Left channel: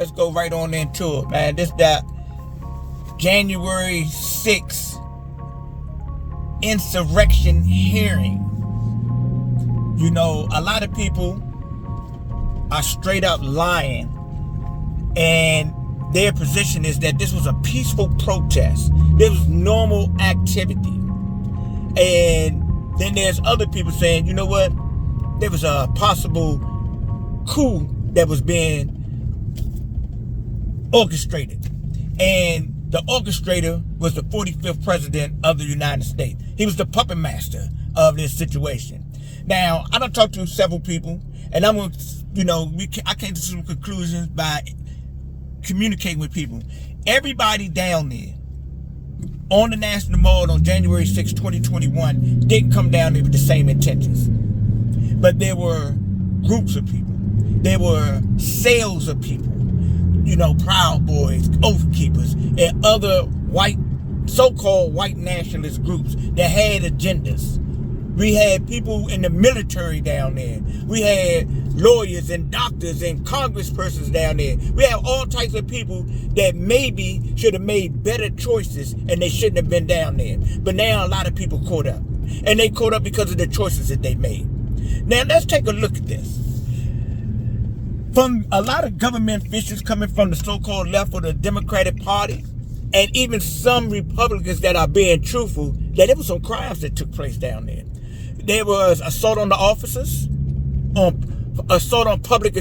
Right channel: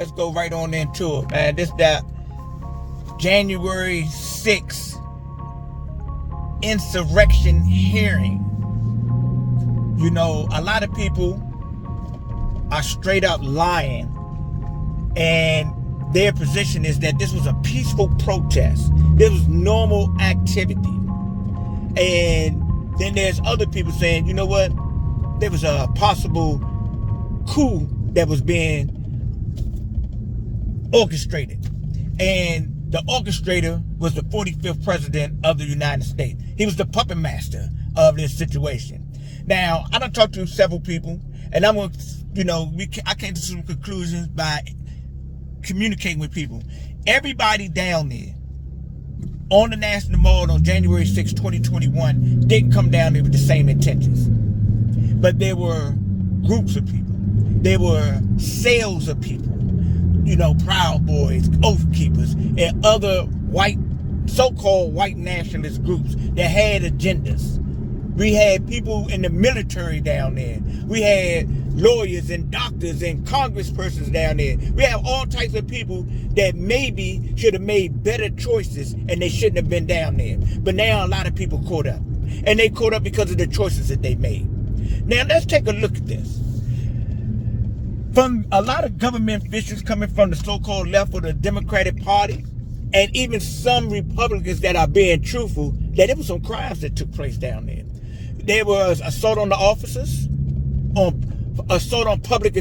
let's go right on into it, man. This that January 6th insurrection hearing. You know, a lot of people are straight up lying, and their position is that this was a peaceful protest. This was normal activity. And then there's other people saying, you know what? There was a possible coup that was being orchestrated. And the orchestrator was the 45th president of the United States. He was the puppet master of this situation. Now, I done talked to several people, and I'm going to, you know, I came to some conclusions by communicating with people. Everybody down there on the National Mall on January 6, 2021 didn't come down there with the same intentions. But there were groups of people. There were sales of people. You know, Proud Boys, Oath Keepers, and other white, so-called white nationalist groups that had agendas. We had people in the military down there. We had lawyers and doctors and congresspersons down there. We have all types of people that maybe should have made better choices and they shouldn't have been down there. But now a lot of people caught up. And they caught up because of the choices that they made. Now let's take a look at this. From a lot of government officials coming from the so-called left of the Democratic Party, and even some Republicans that are being truthful, that there were some crimes that took place down there. There was assault on the officers, assault on public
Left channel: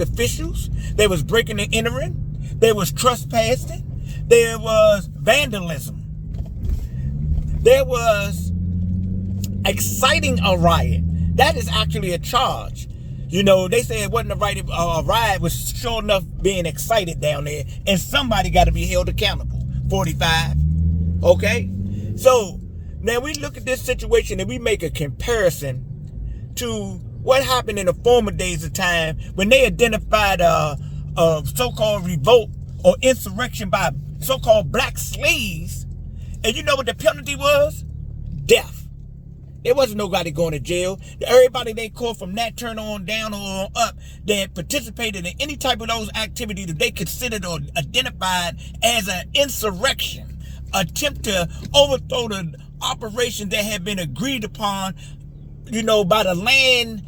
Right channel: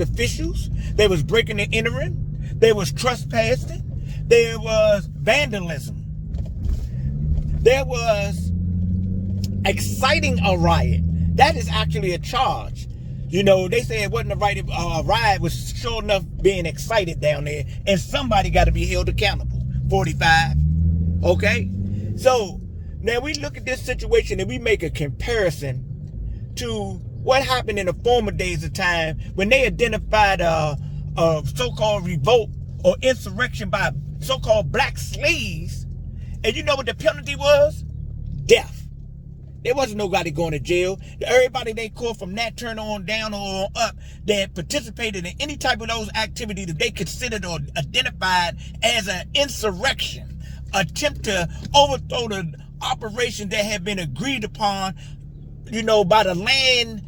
officials. There was breaking and entering. There was trespassing. There was vandalism. There was exciting a riot. That is actually a charge. You know, they say it wasn't a riot. Riot was sure enough being excited down there, and somebody got to be held accountable. 45. Okay? So, now we look at this situation and we make a comparison to what happened in the former days of time when they identified a so-called revolt or insurrection by so-called black slaves. And you know what the penalty was? Death. There wasn't nobody going to jail. Everybody they caught from that turn on down or up that participated in any type of those activities that they considered or identified as an insurrection, attempt to overthrow the operation that had been agreed upon, you know, by the land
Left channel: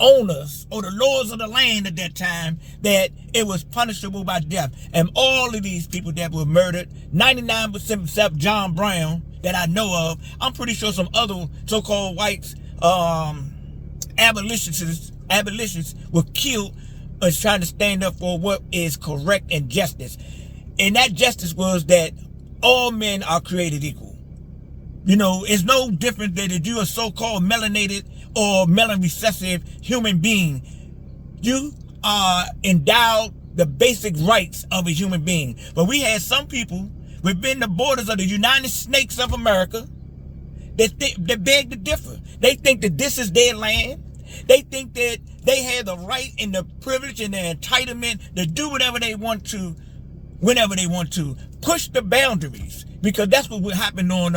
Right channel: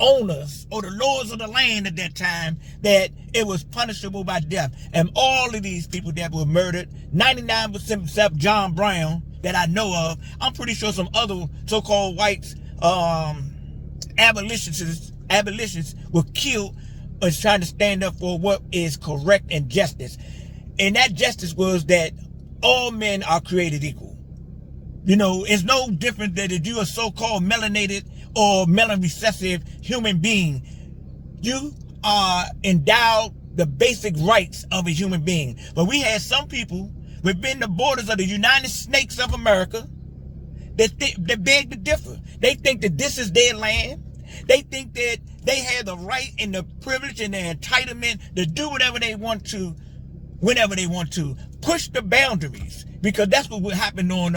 owners or the lords of the land at that time, that it was punishable by death. And all of these people that were murdered, 99% except John Brown, that I know of. I'm pretty sure some other so-called whites, abolitionists were killed as trying to stand up for what is correct and justice. And that justice was that all men are created equal. You know, it's no different than if you're a so-called melanated or melanin recessive human being. You are endowed the basic rights of a human being. But we had some people within the borders of the United States of America that beg to differ. They think that this is their land. They think that they have the right and the privilege and the entitlement to do whatever they want to, whenever they want to. Push the boundaries, because that's what happened on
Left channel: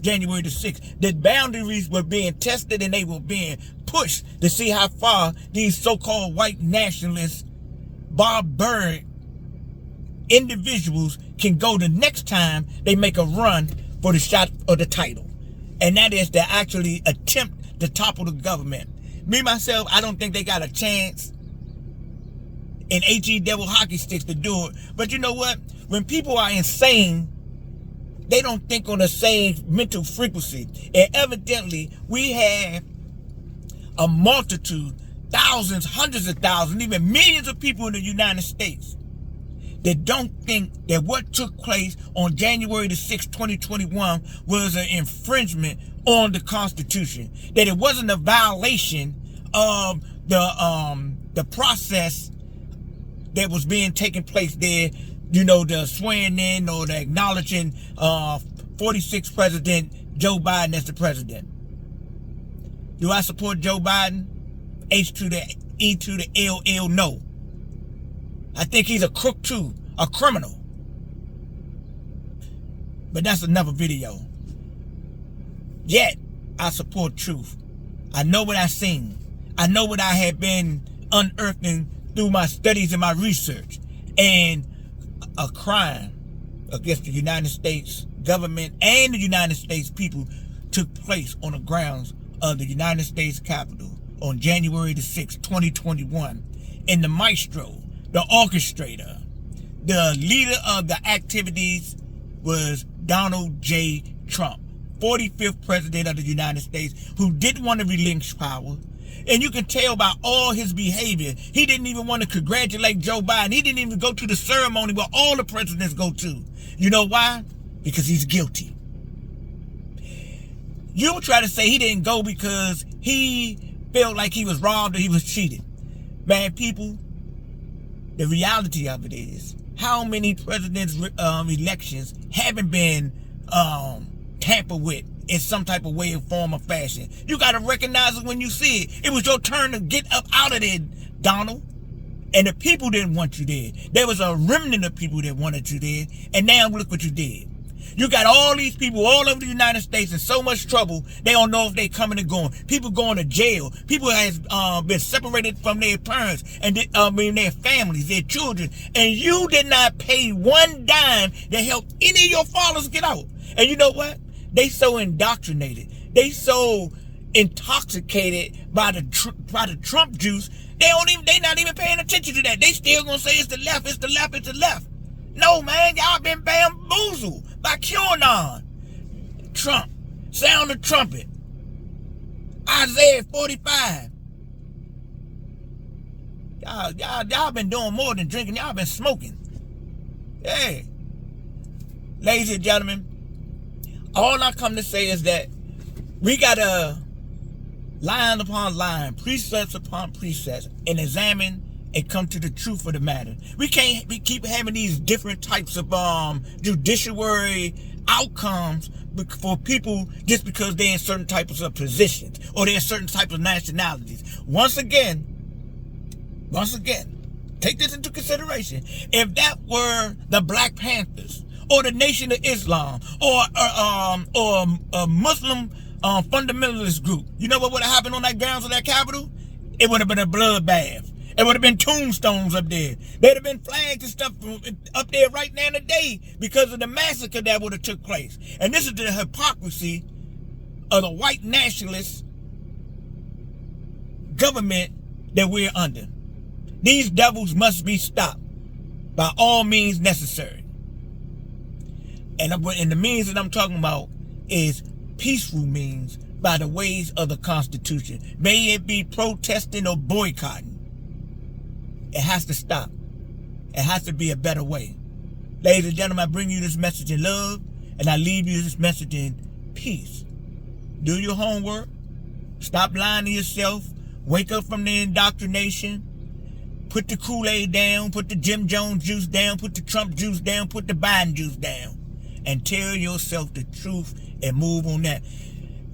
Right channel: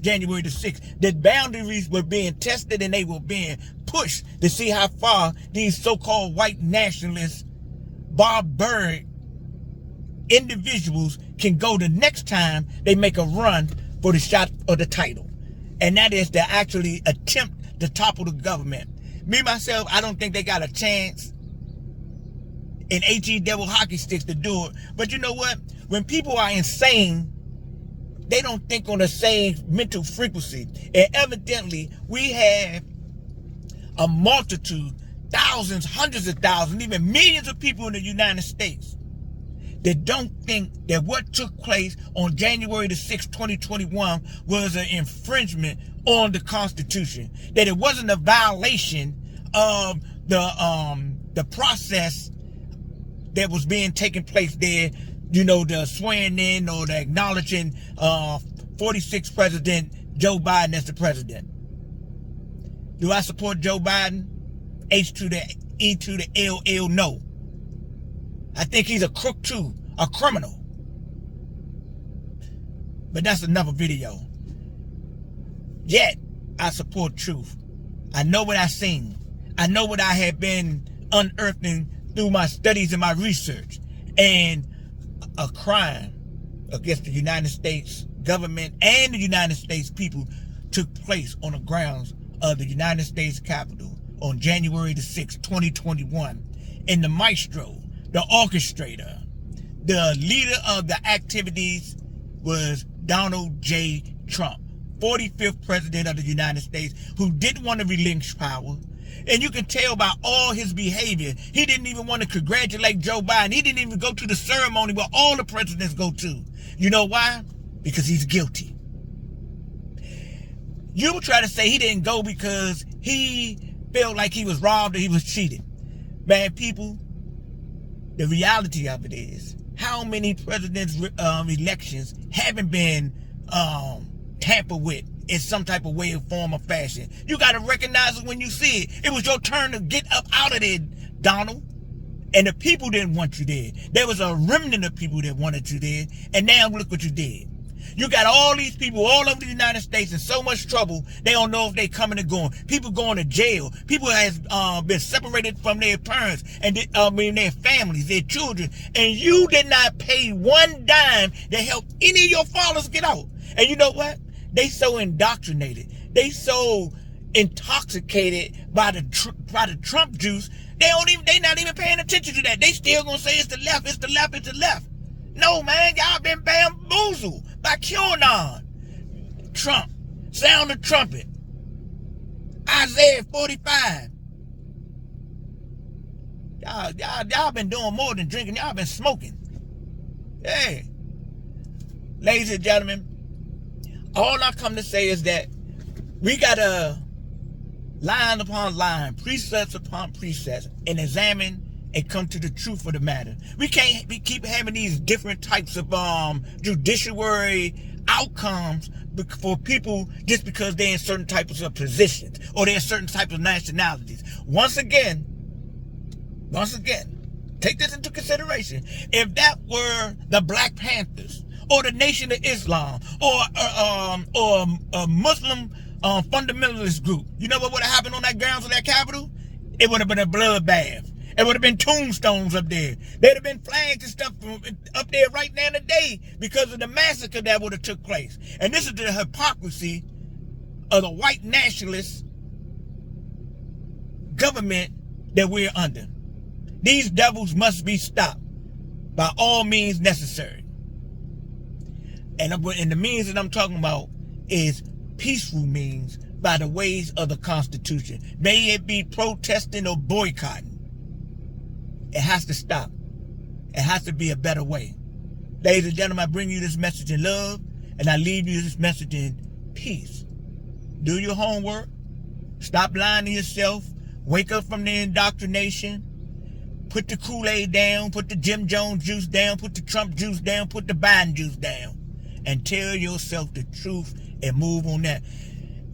January the 6th. The boundaries were being tested and they were being pushed to see how far these so-called white nationalists, barbaric individuals can go the next time they make a run for the shot of the title. And that is to actually attempt to topple the government. Me, myself, I don't think they got a chance in HE devil hockey sticks to do it. But you know what? When people are insane, they don't think on the same mental frequency. And evidently, we have a multitude, thousands, hundreds of thousands, even millions of people in the United States that don't think that what took place on January the 6th, 2021 was an infringement on the Constitution. That it wasn't a violation of the process that was being taken place there, you know, the swearing in or the acknowledging 46th President Joe Biden as the president. Do I support Joe Biden? H to the E to the LL, no. I think he's a crook too, a criminal. But that's another video. Yet, I support truth. I know what I've seen. I know what I have been unearthing through my studies and my research. And a crime against the United States government and the United States people took place on the grounds of the United States Capitol on January the 6th, 2021. And the maestro, the orchestrator, the leader of the activities was Donald J. Trump, 45th president of the United States, who didn't want to relinquish power. And you can tell by all his behavior, he didn't even want to congratulate Joe Biden. He didn't even go to the ceremony where all the presidents go to. You know why? Because he's guilty. You try to say he didn't go because he felt like he was robbed or he was cheated. Man, people, the reality of it is, how many presidents' elections haven't been tampered with in some type of way, form, or fashion? You got to recognize it when you see it. It was your turn to get up out of there, Donald. And the people didn't want you there. There was a remnant of people that wanted you there. And now look what you did. You got all these people all over the United States in so much trouble, they don't know if they coming or going. People going to jail. People has been separated from their parents and their families, their children. And you did not pay one dime to help any of your fathers get out. And you know what? They so indoctrinated. They so intoxicated by the Trump juice. They not even paying attention to that. They still gonna say it's the left, it's the left, it's the left. No, man, y'all been bamboozled by QAnon. Trump, sound the trumpet. Isaiah 45. Y'all been doing more than drinking. Y'all been smoking. Hey, ladies and gentlemen, all I come to say is that we gotta line upon line, precepts upon precepts, and examine and come to the truth of the matter. We can't keep having these different types of judiciary outcomes for people just because they're in certain types of positions or they're in certain types of nationalities. Once again, take this into consideration. If that were the Black Panthers or the Nation of Islam or a Muslim fundamentalist group, you know what would have happened on that grounds of that Capitol? It would have been a bloodbath. It would have been tombstones up there. There'd have been flags and stuff up there right now today because of the massacre that would have took place. And this is the hypocrisy of the white nationalist government that we're under. These devils must be stopped by all means necessary. And the means that I'm talking about is peaceful means by the ways of the Constitution. May it be protesting or boycotting. It has to stop. It has to be a better way. Ladies and gentlemen, I bring you this message in love, and I leave you this message in peace. Do your homework. Stop lying to yourself. Wake up from the indoctrination. Put the Kool-Aid down. Put the Jim Jones juice down. Put the Trump juice down. Put the Biden juice down. And tell yourself the truth and move on that.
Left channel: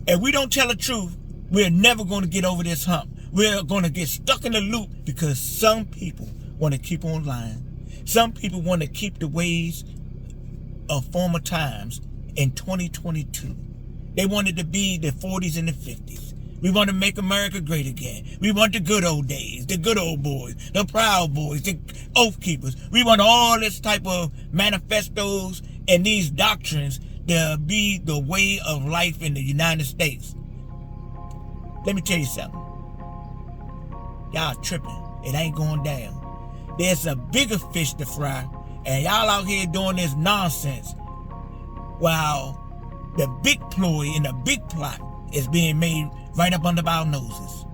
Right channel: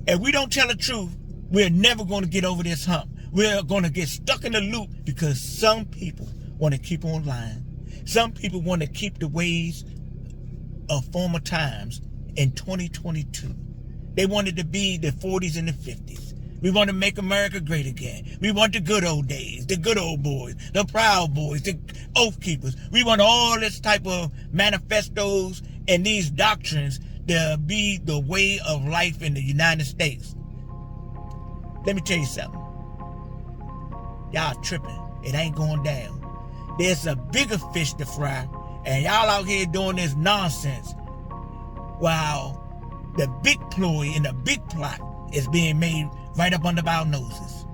If we don't tell the truth, we're never going to get over this hump. We're going to get stuck in the loop because some people want to keep on lying. Some people want to keep the ways of former times in 2022. They wanted to be the 40s and the 50s. We want to make America great again. We want the good old days, the good old boys, the proud boys, the oath keepers. We want all this type of manifestos and these doctrines to be the way of life in the United States. Let me tell you something. Y'all tripping. It ain't going down. There's a bigger fish to fry, and y'all out here doing this nonsense while the big ploy and the big plot is being made right up under our noses.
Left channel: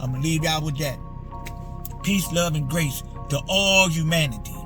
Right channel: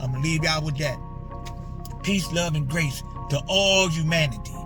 I'm going to leave y'all with that. Peace, love, and grace to all humanity.